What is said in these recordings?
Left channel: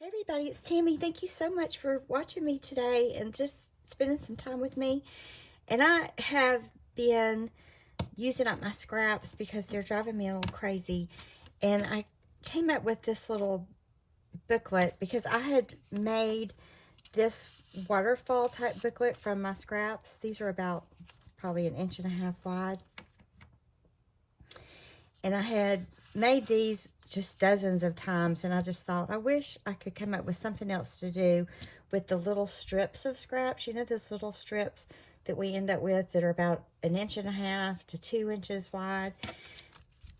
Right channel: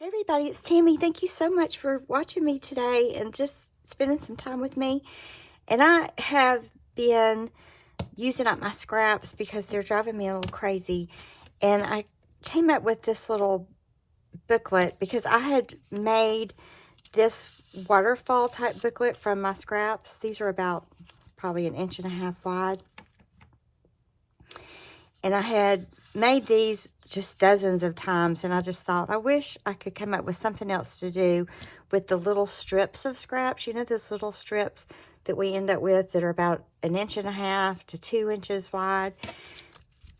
Hey everybody, it's Tammy. Thank you so much for watching me today and just spending some time with me. And I have been using up my scraps because they're driving me a little crazy. And I came up with this little booklet because I had made this waterfall type booklet from my scraps. These are about probably 1.5 inches wide. And I had made these just dozens of times, and I just thought, I wish I could come up with something else to do with the little strips of scraps. You know, those little strips that we end up with that are about 1.5 inches to 2 inches wide.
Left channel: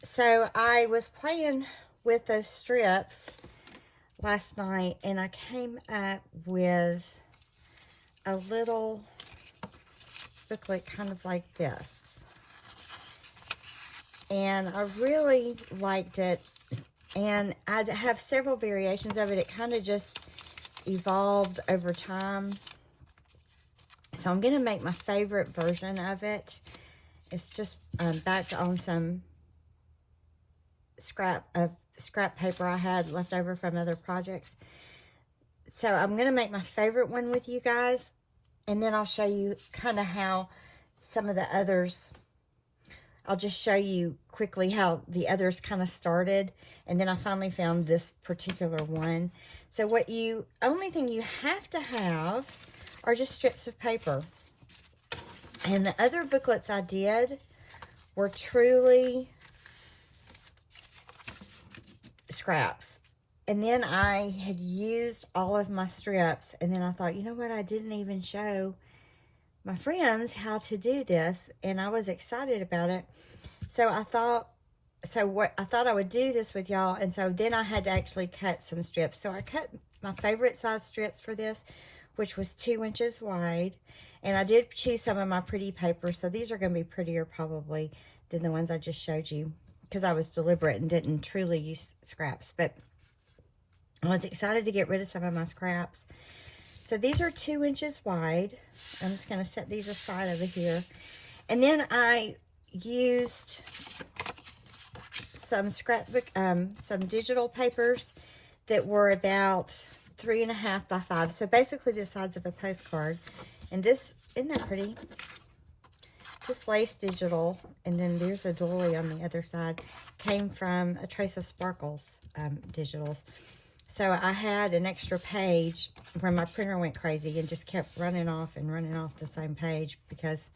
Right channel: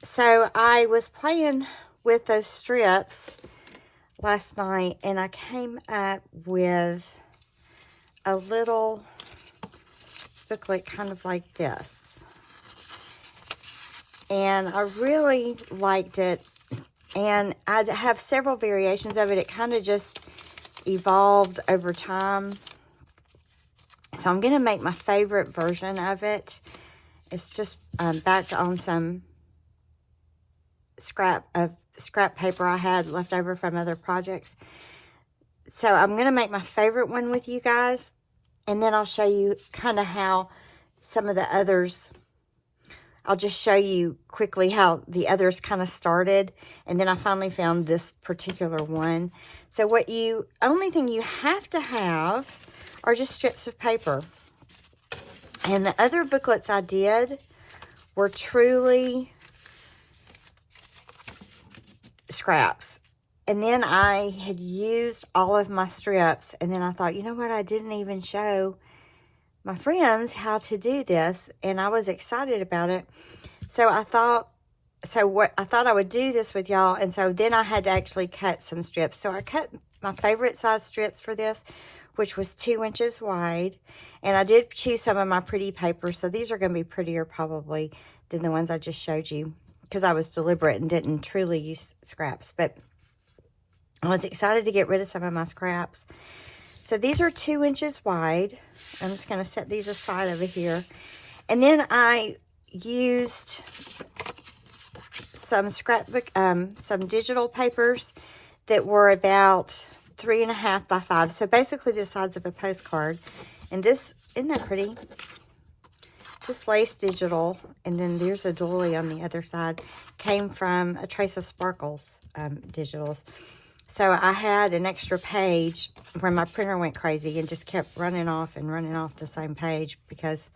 So I was playing with those strips last night, and I came up with a little booklet kind of like this. And I really liked it. And I have several variations of it. It kind of just evolved over time. So I'm going to make my favorite version of it. It's just backed on some scrap paper I had left over from other projects. So I'm going to make my favorite one with you guys. And then I'll show you kind of how some of the others... I'll just show you quickly how the others kind of started. And then I finally found this particular one. So only thing you have to have are just strips of paper. And the other booklets I did were truly scraps. And then I had used all of my strips. And then I thought, you know what? I didn't even show my friends how to do this, and I was excited about it. So I thought I would do this with y'all, and so then I had to actually cut some strips. So I cut my favorite size strips for this, which was 2 inches wide, and I did choose some of my pretty paper. So these are going to be prettier probably than the ones I just showed you, because I was deliberate and didn't truly use scraps. But I was excited to get rid of some of my scraps. So these are 2 inches wide. I'm just going to set these aside over here. And then I used some some digital papers that were about 3.5 by 5. So basically the size of a postcard. And this, isn't that pretty? This lace digital, and then there's a doily on the other side, came from a Trace of Sparkles digitals. So I had an extra page where my printer went crazy and just kept running off the same page because,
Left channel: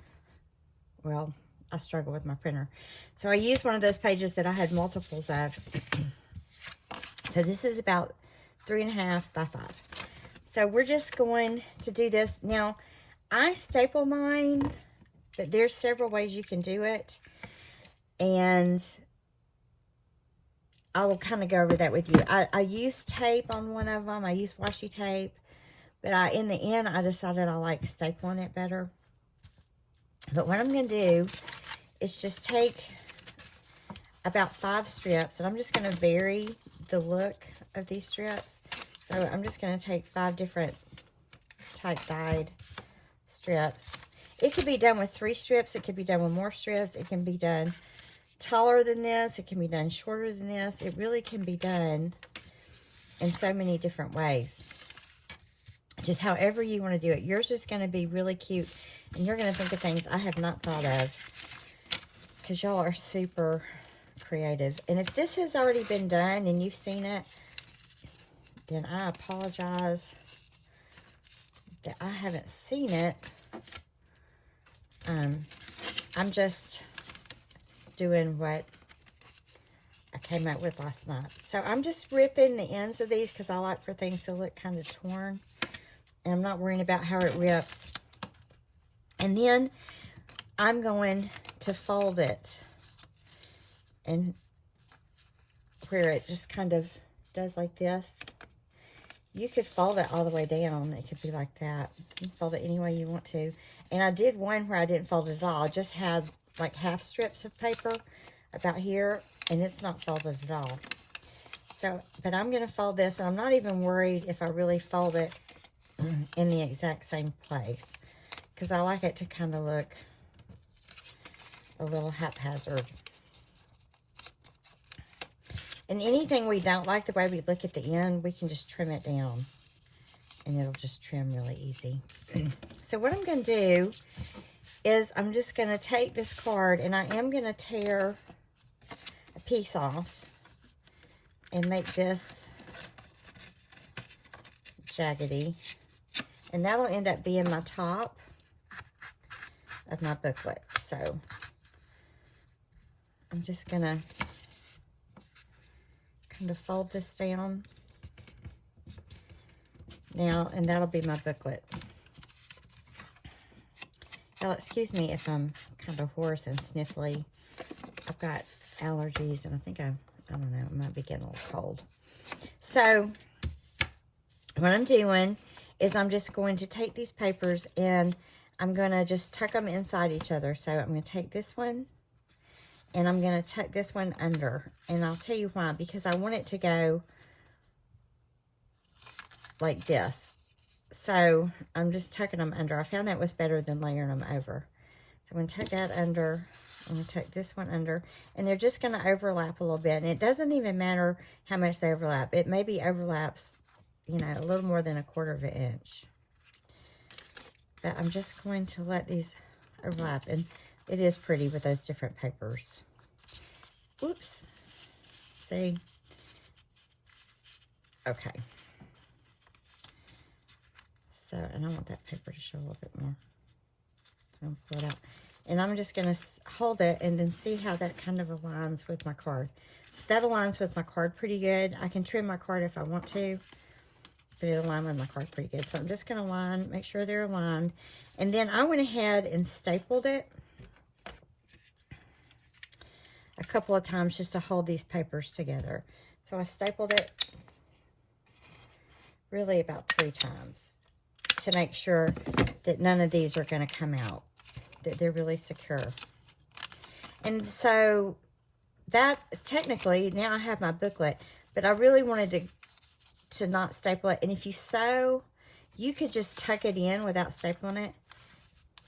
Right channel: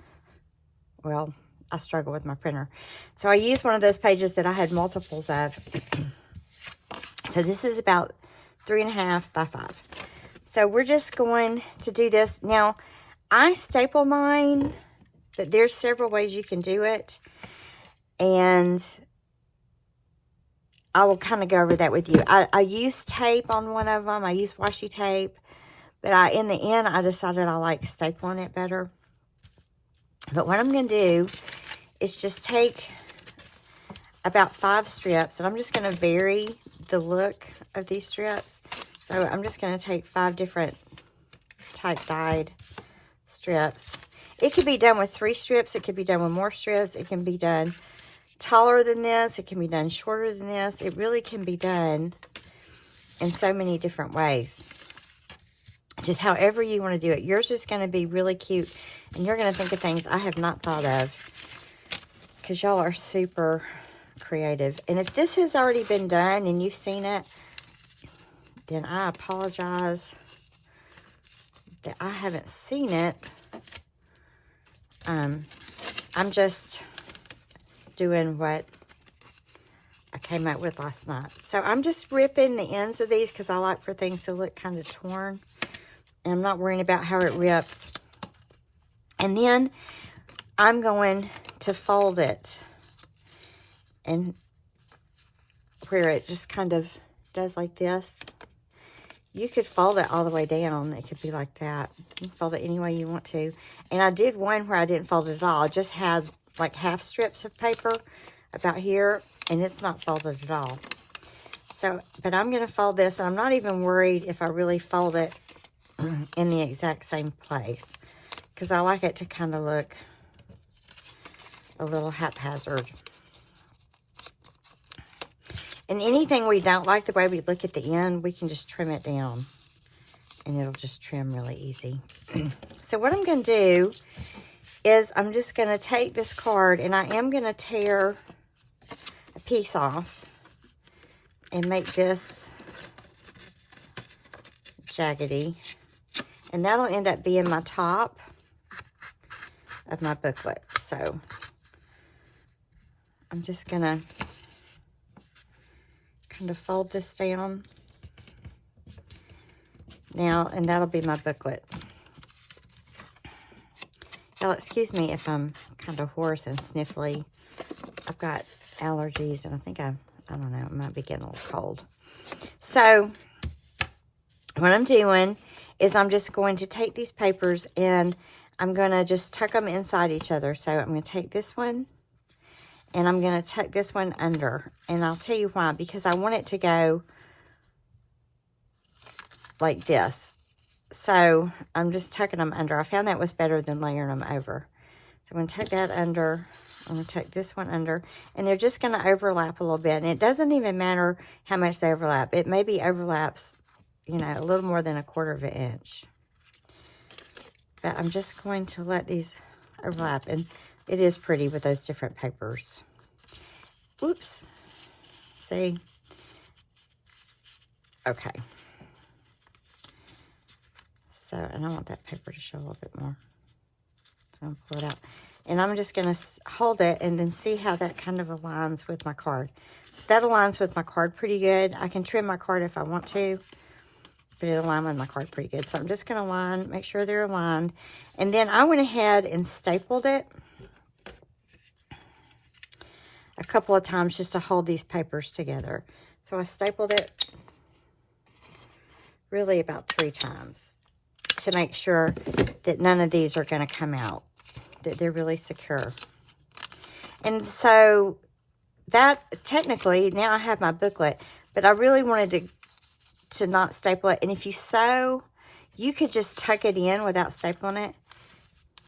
well, I struggle with my printer. So I used one of those pages that I had multiples of. So this is about 3.5 by 5. So we're just going to do this. Now, I staple mine, but there's several ways you can do it. And I will kind of go over that with you. I used tape on one of them. I used washi tape. But in the end, I decided I like stapling it better. But what I'm going to do is just take about 5 strips. And I'm just going to vary the look of these strips. So I'm just going to take 5 different type dyed strips. It could be done with 3 strips. It could be done with more strips. It can be done taller than this. It can be done shorter than this. It really can be done in so many different ways. Just however you want to do it. Yours is going to be really cute, and you're going to think of things I have not thought of, because y'all are super creative. And if this has already been done and you've seen it, then I apologize that I haven't seen it. I'm just doing what I came up with last night. So I'm just ripping the ends of these because I like for things to look kind of torn. And I'm not worrying about how it rips. And then I'm going to fold it. And where it just kind of does like this. You could fold it all the way down. It could be like that. You can fold it any way you want to. And I did one where I didn't fold it at all. I just had like half strips of paper about here, and it's not folded at all. So, but I'm going to fold this, and I'm not even worried if I really fold it in the exact same place, because I like it to kind of look a little haphazard. And anything we don't like the way we look at the end, we can just trim it down. And it'll just trim really easy. So what I'm going to do is I'm just going to take this card and I am going to tear a piece off and make this jaggedy. And that'll end up being my top of my booklet. So I'm just going to kind of fold this down. Now, and that'll be my booklet. Now, excuse me if I'm kind of hoarse and sniffly. I've got allergies, and I think I don't know, I might be getting a little cold. So, what I'm doing is I'm just going to take these papers, and I'm going to just tuck them inside each other. So, I'm going to take this one, and I'm going to tuck this one under. And I'll tell you why, because I want it to go like this. So I'm just tucking them under. I found that was better than layering them over. So I'm going to tuck that under. I'm going to tuck this one under. And they're just going to overlap a little bit. And it doesn't even matter how much they overlap. It maybe overlaps, you know, a little more than 1/4 of an inch. But I'm just going to let these overlap. And it is pretty with those different papers. Whoops. See? Okay. So, and I want that paper to show a little bit more. So I'm pull it out. And I'm just going to hold it and then see how that kind of aligns with my card. That aligns with my card pretty good. I can trim my card if I want to, but it'll align with my card pretty good. So I'm just going to make sure they're aligned. And then I went ahead and stapled it a couple of times just to hold these papers together. So I stapled it really about 3 times. To make sure that none of these are going to come out, that they're really secure. And so that technically, now I have my booklet, but I really wanted to not staple it. And if you sew, you could just tuck it in without stapling it,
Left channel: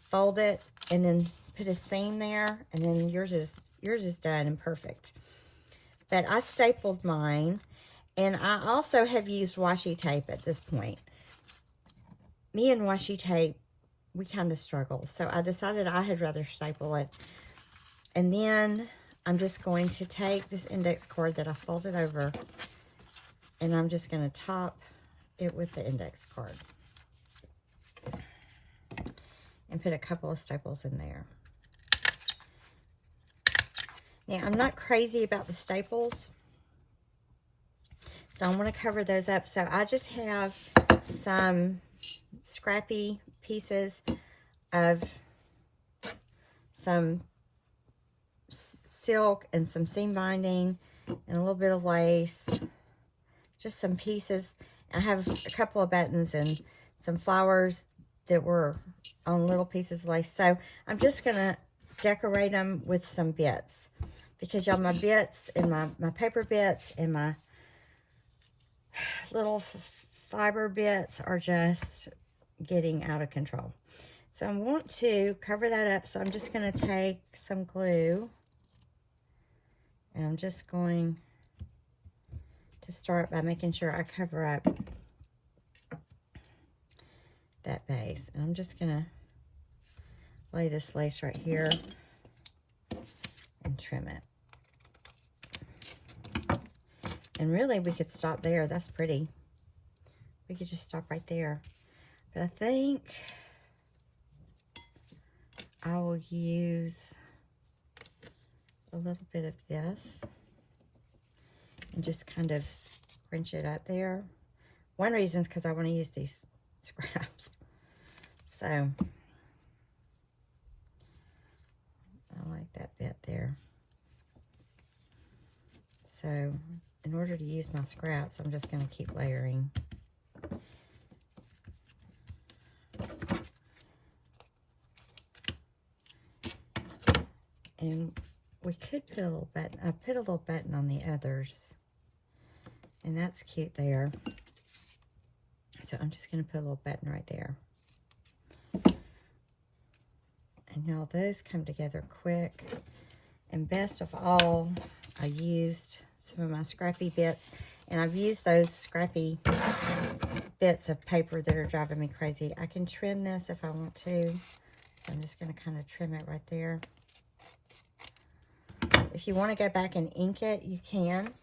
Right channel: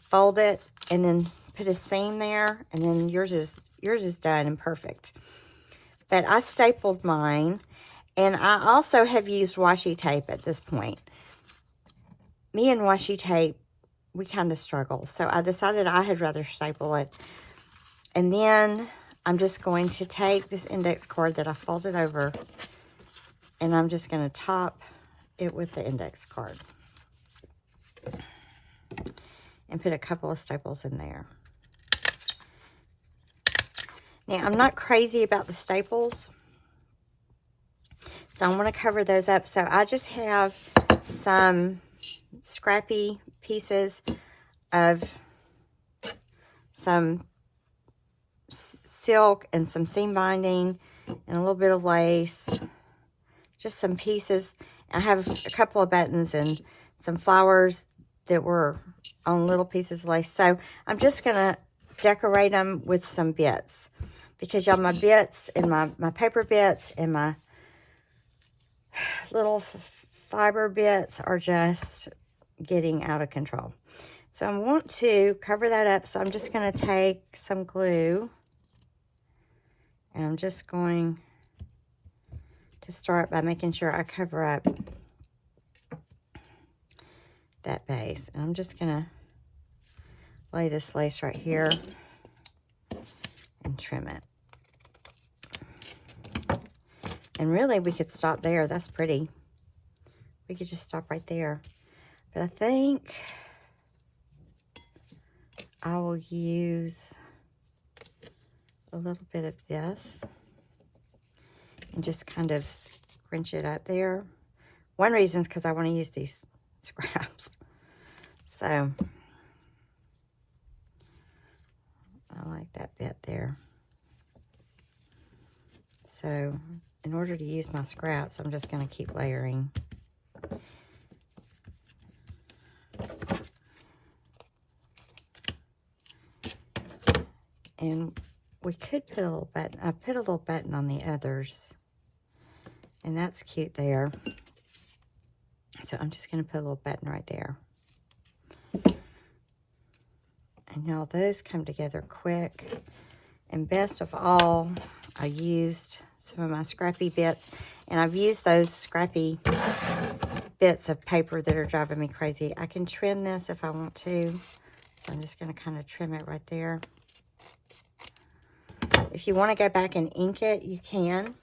fold it, and then put a seam there, and then yours is done and perfect. But I stapled mine, and I also have used washi tape at this point. Me and washi tape, we kind of struggle. So I decided I had rather staple it. And then I'm just going to take this index card that I folded over, and I'm just going to top it with the index card. And put a couple of staples in there. Now, I'm not crazy about the staples, so I'm going to cover those up. So I just have some scrappy pieces of some silk and some seam binding and a little bit of lace, just some pieces. I have a couple of buttons and some flowers that were on little pieces of lace. So I'm just going to decorate them with some bits, because y'all, my bits and my paper bits and my little fiber bits are just getting out of control. So I want to cover that up. So I'm just going to take some glue, and I'm just going to start by making sure I cover up that base. And I'm just going to lay this lace right here and trim it. And really, we could stop there. That's pretty. We could just stop right there. But I think I will use a little bit of this and just kind of scrunch it up there. One reason is because I want to use these scraps. So I like that bit there. So in order to use my scraps, I'm just going to keep layering. And we could put a little button. I put a little button on the others, and that's cute there. So I'm just going to put a little button right there. And now those come together quick. And best of all, I used some of my scrappy bits. And I've used those scrappy bits of paper that are driving me crazy. I can trim this if I want to. So I'm just going to kind of trim it right there. If you want to go back and ink it, you can.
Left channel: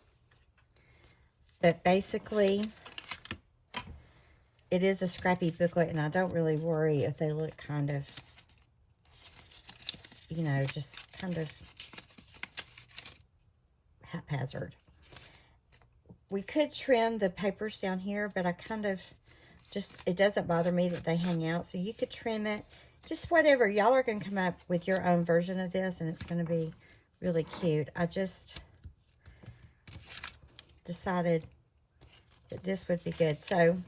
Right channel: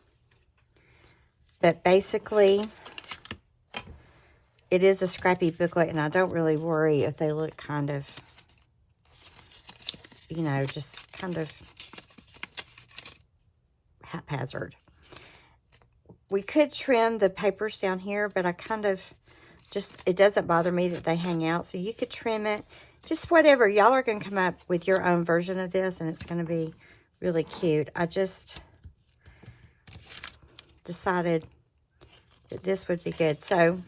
But basically, it is a scrappy booklet, and I don't really worry if they look kind of, you know, just kind of haphazard. We could trim the papers down here, but I kind of just, it doesn't bother me that they hang out. So you could trim it, just whatever. Y'all are going to come up with your own version of this, and it's going to be really cute. I just decided that this would be good. So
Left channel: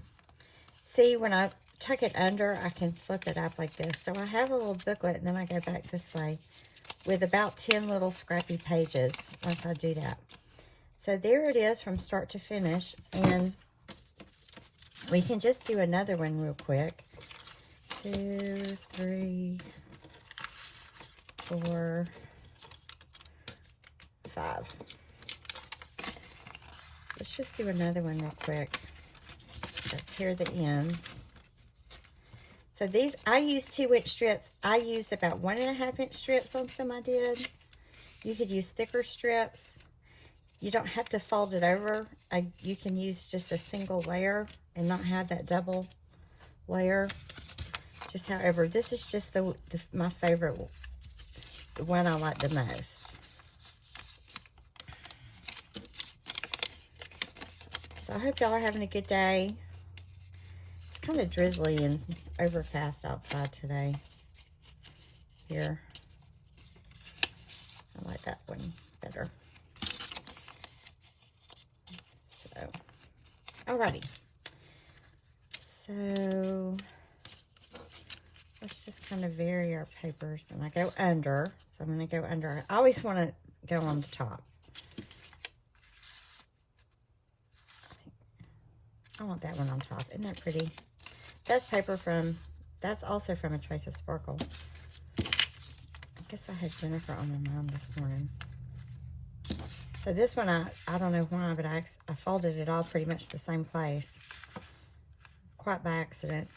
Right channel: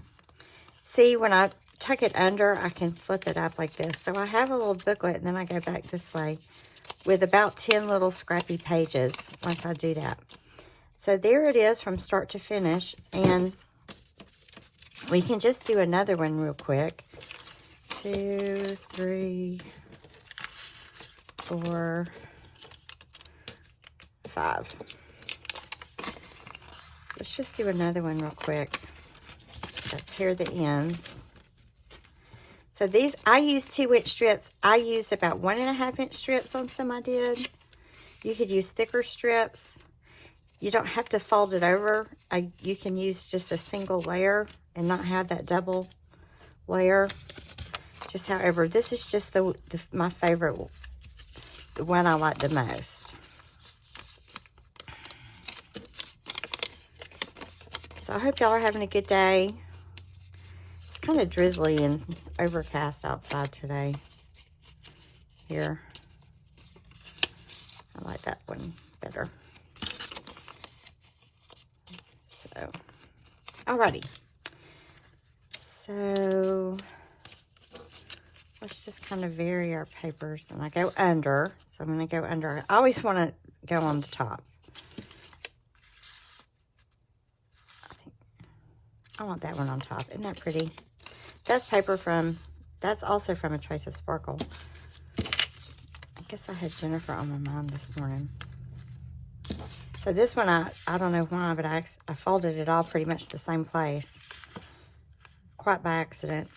see, when I tuck it under, I can flip it up like this. So I have a little booklet, and then I go back this way with about 10 little scrappy pages once I do that. So there it is from start to finish, and we can just do another one real quick. 2, 3, 4, 5. Let's just do another one real quick. Tear the ends. So these, I used 2-inch strips. I used about 1.5-inch strips on some I did. You could use thicker strips. You don't have to fold it over. You can use just a single layer and not have that double layer. Just however, this is just my favorite, the one I like the most. So I hope y'all are having a good day. It's kind of drizzly and overcast outside today. Here. I like that one better. So, alrighty. So, let's just kind of vary our papers. And I go under. So I'm going to go under. I always want to go on the top. I want that one on top. Isn't that pretty? That's paper from, that's also from a Trace of Sparkle. I guess I had Jennifer on my mind this morning. So this one, I don't know why, but I folded it all pretty much the same place. Quite by accident.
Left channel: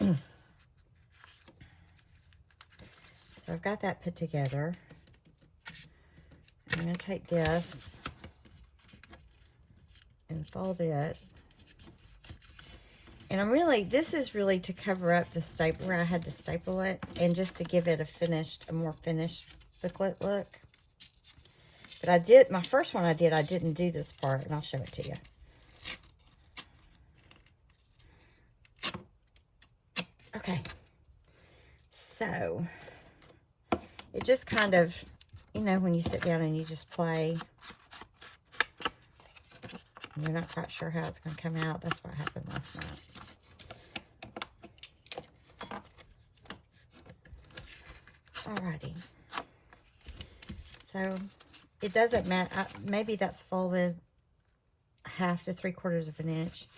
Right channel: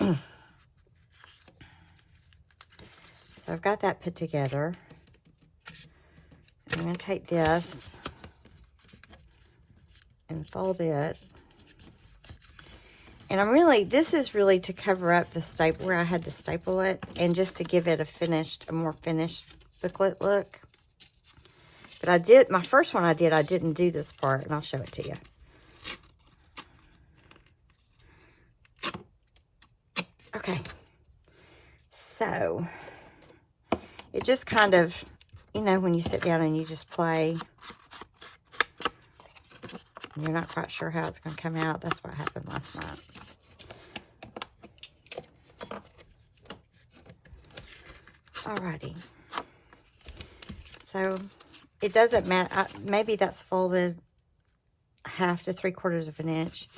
So I've got that put together. I'm going to take this and fold it. And this is really to cover up the staple where I had to staple it, and just to give it a more finished booklet look. But my first one I didn't do this part, and I'll show it to you. Okay. So, it just kind of, you know, when you sit down and you just play, and you're not quite sure how it's going to come out. That's what happened last night. Alrighty. So, it doesn't matter. Maybe that's folded 1/2 to 3/4 of an inch.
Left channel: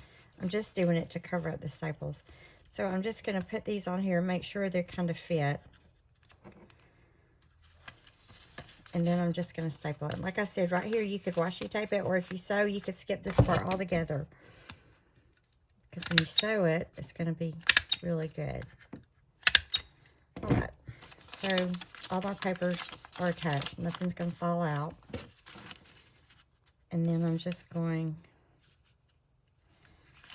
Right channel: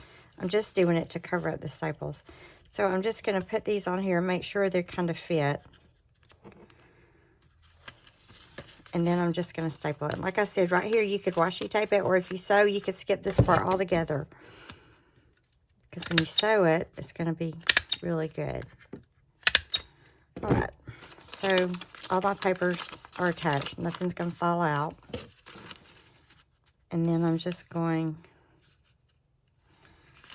I'm just doing it to cover up the staples. So, I'm just going to put these on here and make sure they kind of fit. And then I'm just going to staple it. Like I said, right here, you could washi tape it, or if you sew, you could skip this part altogether. Because when you sew it, it's going to be really good. All right. So, all my papers are attached. Nothing's going to fall out. And then I'm just going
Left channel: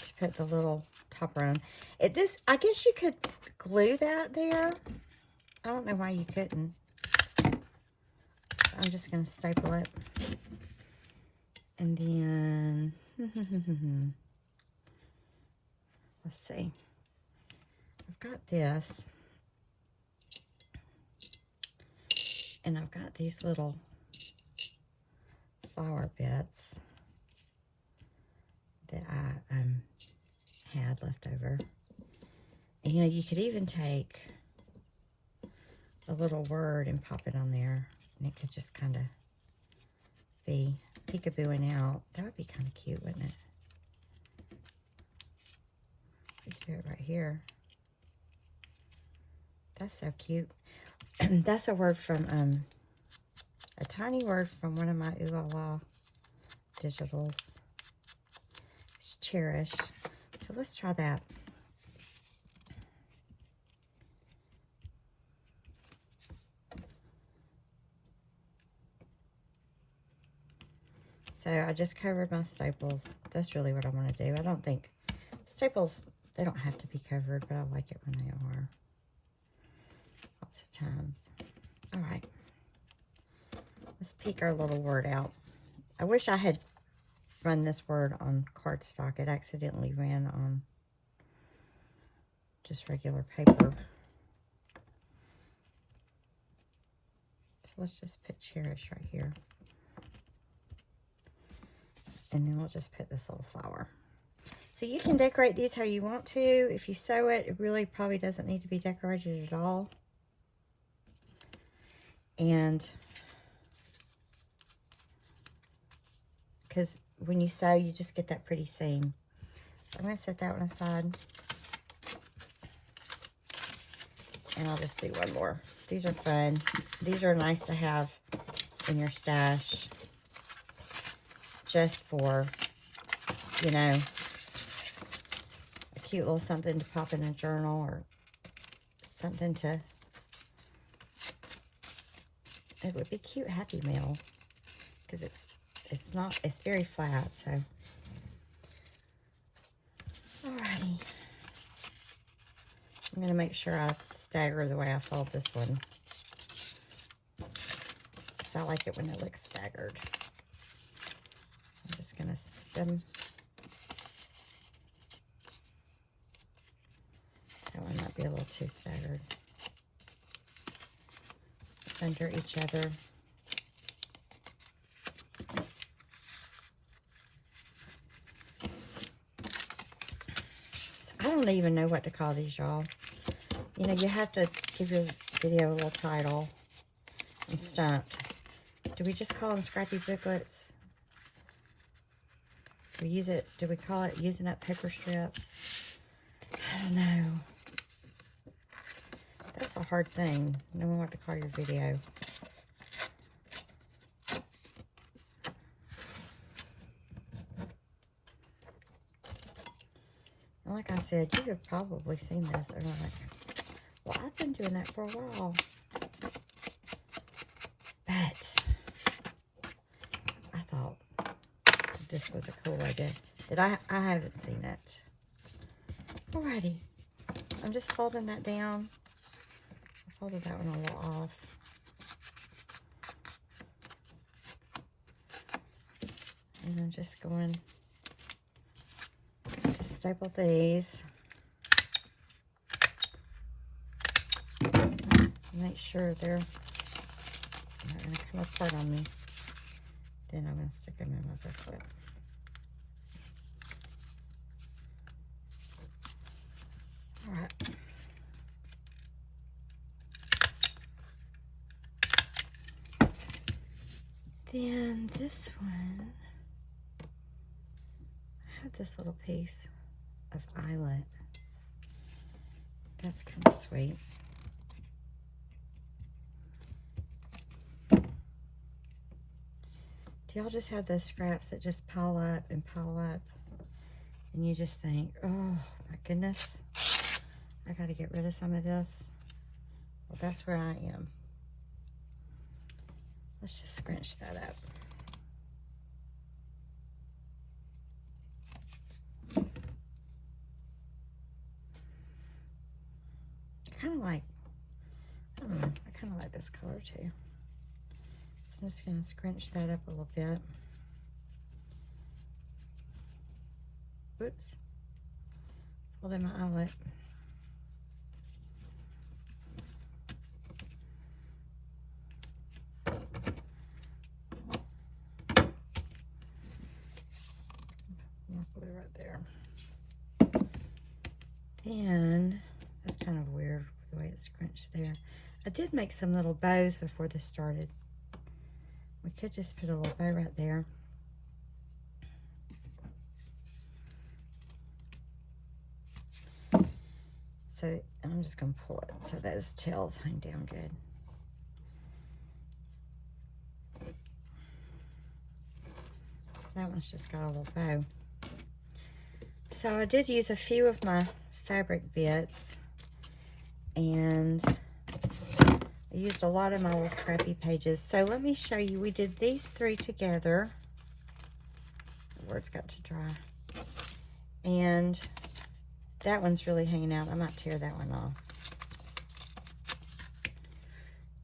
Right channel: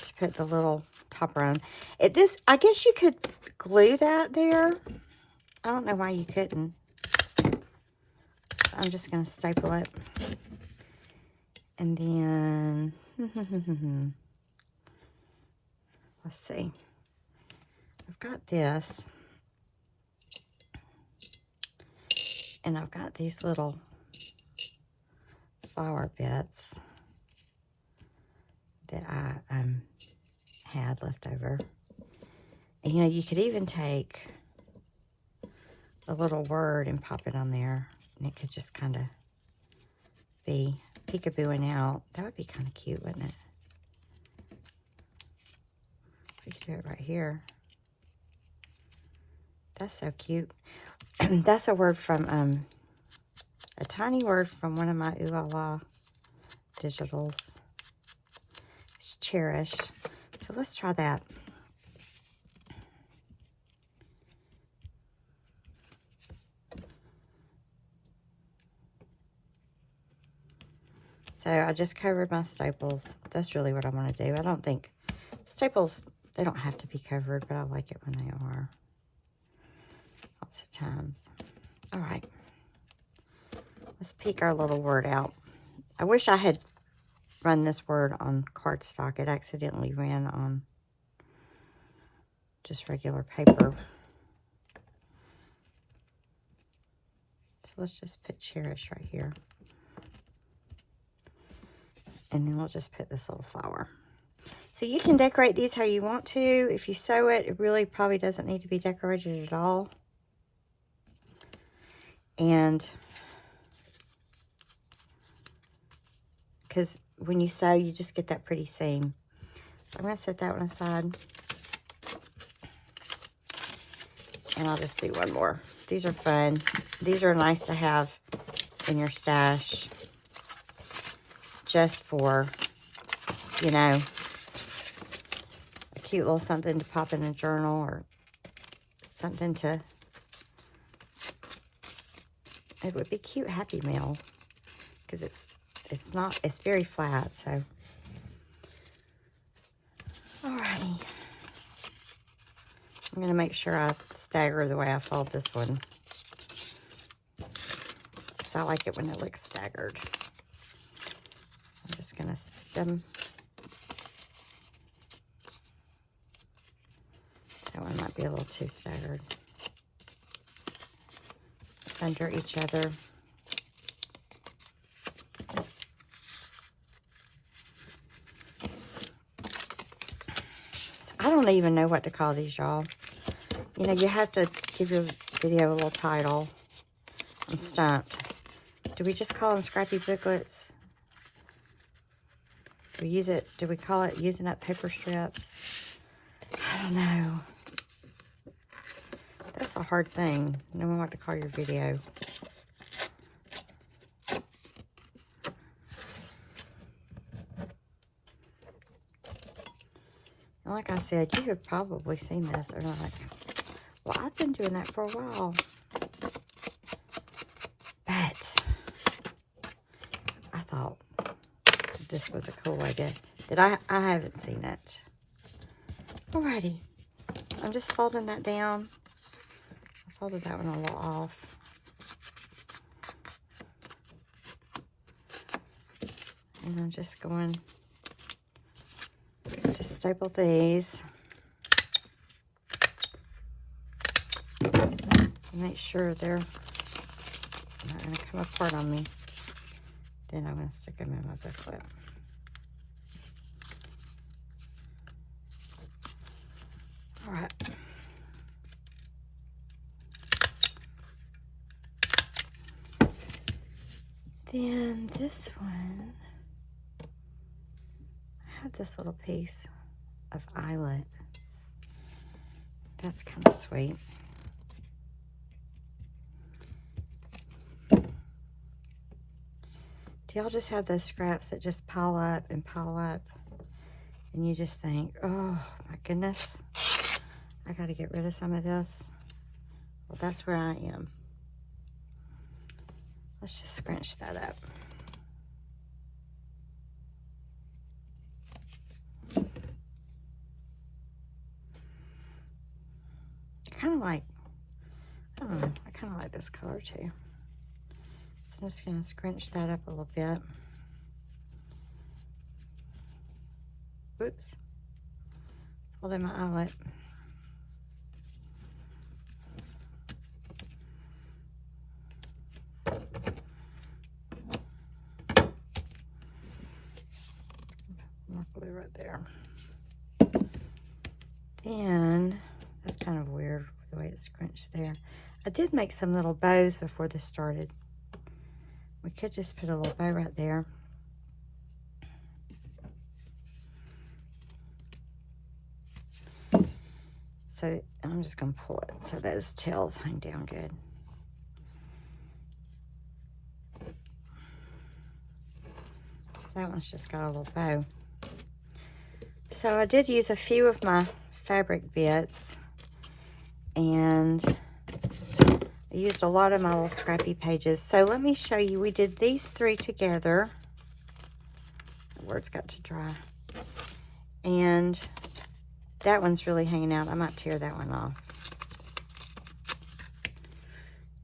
to put the little topper on. I guess you could glue that there. I don't know why you couldn't. I'm just going to staple it. And then, let's see. I've got this. And I've got these little flower bits that I had left over. And, you know, you could even take a little word and pop it on there. And it could just kind of be peekabooing out. That would be kind of cute, wouldn't it? We could do it right here. That's so cute. That's a word from, a tiny word from one of my Oohlala digitals. It's Cherish. So let's try that. So I just covered my staples. That's really what I want to do. I don't think staples, they don't have to be covered, but I like it when they are. Lots of times. All right. Let's pick our little word out. I wish I had run this word on cardstock. It accidentally ran on just regular paper. So let's just put Cherish right here. And then we'll just put this little flower. So you can decorate these how you want to. If you sew it, it really probably doesn't need to be decorated at all. And because when you sew, you just get that pretty seam. So I'm going to set that one aside. And I'll just do one more. These are fun. These are nice to have in your stash. Just for, you know, a cute little something to pop in a journal or something to, it would be cute Happy Mail because it's very flat, so. Alrighty. I'm going to make sure I stagger the way I fold this one. Because I like it when it looks staggered. I'm just going to stick them. That one might be a little too staggered. Under each other. So I don't even know what to call these, y'all. You know, you have to give your video a little title. I'm stumped. Do we just call them Scrappy Booklets? Do we call it using up paper strips? I don't know. That's a hard thing. Knowing what to call your video. And like I said, you have probably seen this. Or like, well, I've been doing that for a while. But I thought this was a cool idea. I haven't seen it. Alrighty. I'm just folding that down. I folded that one a little off. And I'm just going to staple these. Make sure they're not going to come apart on me. Then I'm going to stick them in my booklet. All right. Then this one, I have this little piece of eyelet. That's kind of sweet. Do y'all just have those scraps that just pile up and pile up? And you just think, oh my goodness, I got to get rid of some of this. Well, that's where I am. Let's just scrunch that up. Kind of like, I don't know, I kind of like this color too. So I'm just going to scrunch that up a little bit. Whoops. Folding my eyelet. More glue right there. Then, that's kind of weird the way it's scrunched there. I did make some little bows before this started. We could just put a little bow right there. So, and I'm just going to pull it so those tails hang down good. That one's just got a little bow. So I did use a few of my fabric bits, and I used a lot of my little scrappy pages. So let me show you. We did these 3 together. The word's got to dry. And that one's really hanging out. I might tear that one off.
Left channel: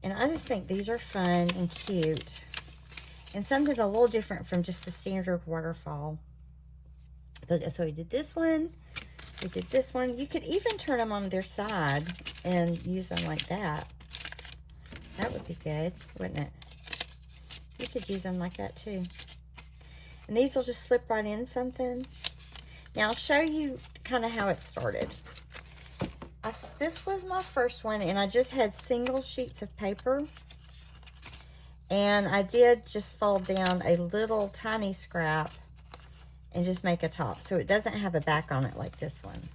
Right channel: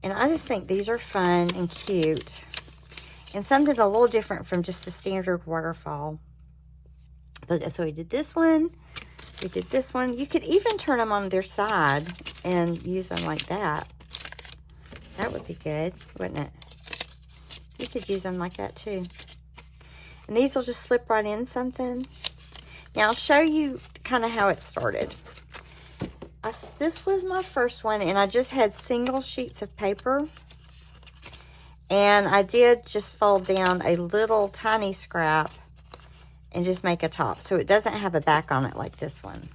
And I just think these are fun and cute. And something a little different from just the standard waterfall. But so we did this one. We did this one. You could even turn them on their side and use them like that. That would be good, wouldn't it? You could use them like that too. And these will just slip right in something. Now I'll show you kind of how it started. This was my first one, and I just had single sheets of paper. And I did just fold down a little tiny scrap and just make a top. So it doesn't have a back on it like this one.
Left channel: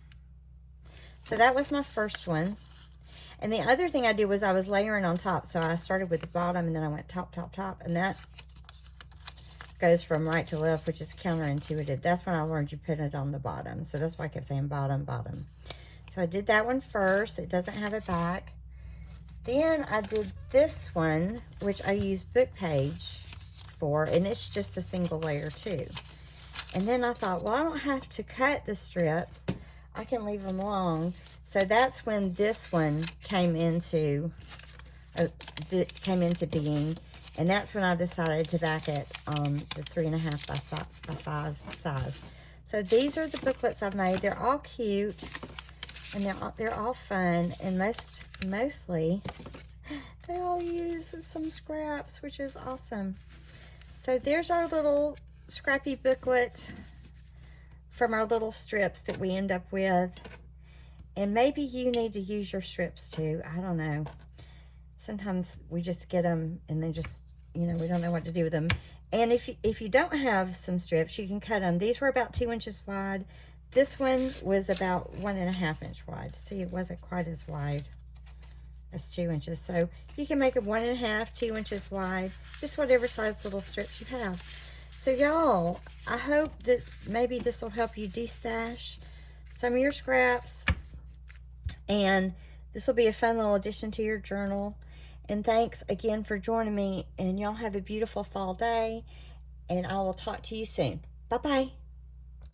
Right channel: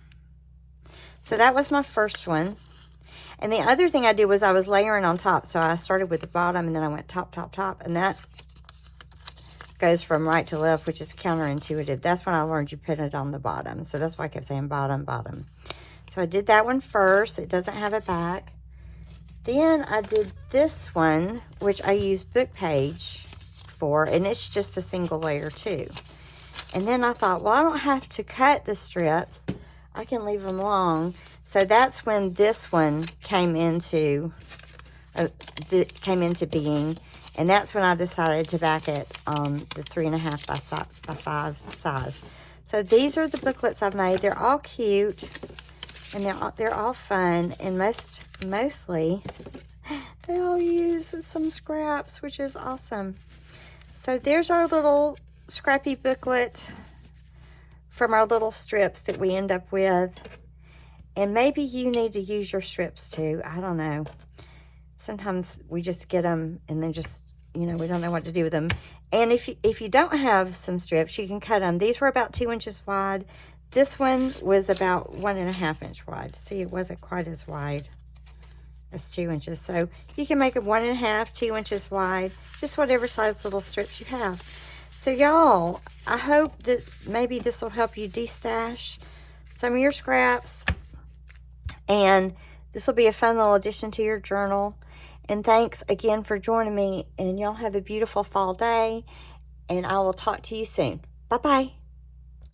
So that was my first one. And the other thing I did was I was layering on top. So I started with the bottom, and then I went top, top, top. And that goes from right to left, which is counterintuitive. That's when I learned you put it on the bottom. So that's why I kept saying bottom, bottom. So I did that one first. It doesn't have a back. Then I did this one, which I used book page for, and it's just a single layer too. And then I thought, well, I don't have to cut the strips. I can leave them long. So that's when this one came into being. And that's when I decided to back it on the 3.5 by 5 size. So these are the booklets I've made. They're all cute, and they're all fun, and mostly they all use some scraps, which is awesome. So there's our little scrappy booklet from our little strips that we end up with. And maybe you need to use your strips too. I don't know. Sometimes we just get them and then just, you know, we don't know what to do with them. And if you don't have some strips, you can cut them. These were about 2 inches wide. This one was about 1.5 inch wide. See, it wasn't quite as wide as 2 inches. So you can make it 1.5, 2 inches wide, just whatever size little strips you have. So y'all, I hope that maybe this will help you de-stash some of your scraps. And this will be a fun little addition to your journal. And thanks again for joining me. And y'all have a beautiful fall day. And I will talk to you soon. Bye-bye.